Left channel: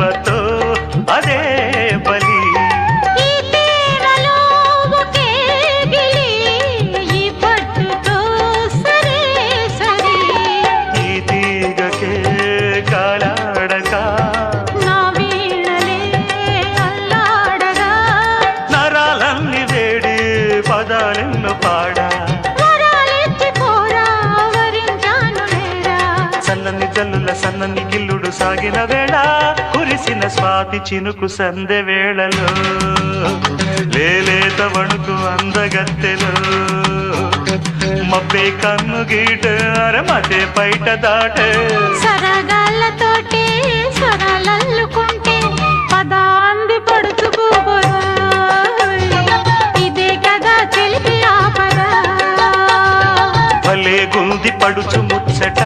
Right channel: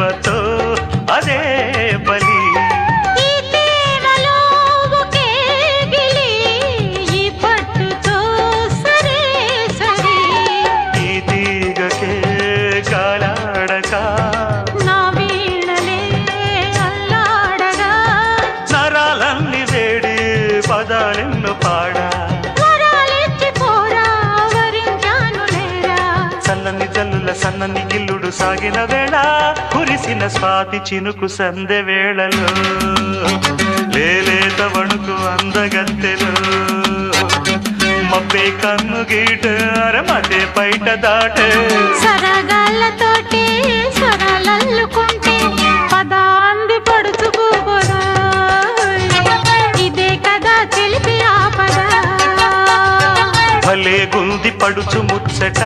దెబ్బతో అదే బలి. ఈ తీగకే కాలాడక నరాలన్నీ వేడి పదాలెన్ను పాడా. చల్లని జల్లుల సన్నని గిల్లుడు సాగిన వేళ కురిసిన స్వాతి చినుకు సందె వేళలో లేలేత వణుకు అందగత్తెలో మబ్బే కన్ను గీట అరమతే బయట దాట సరగాళ్ళతోటి స్వరాలల్లుకుంటే పదాంది పడుచుకోబోదా ఇదే కదా తెలిపి ఆపదా భలే గుంది పడుచు ముచ్చట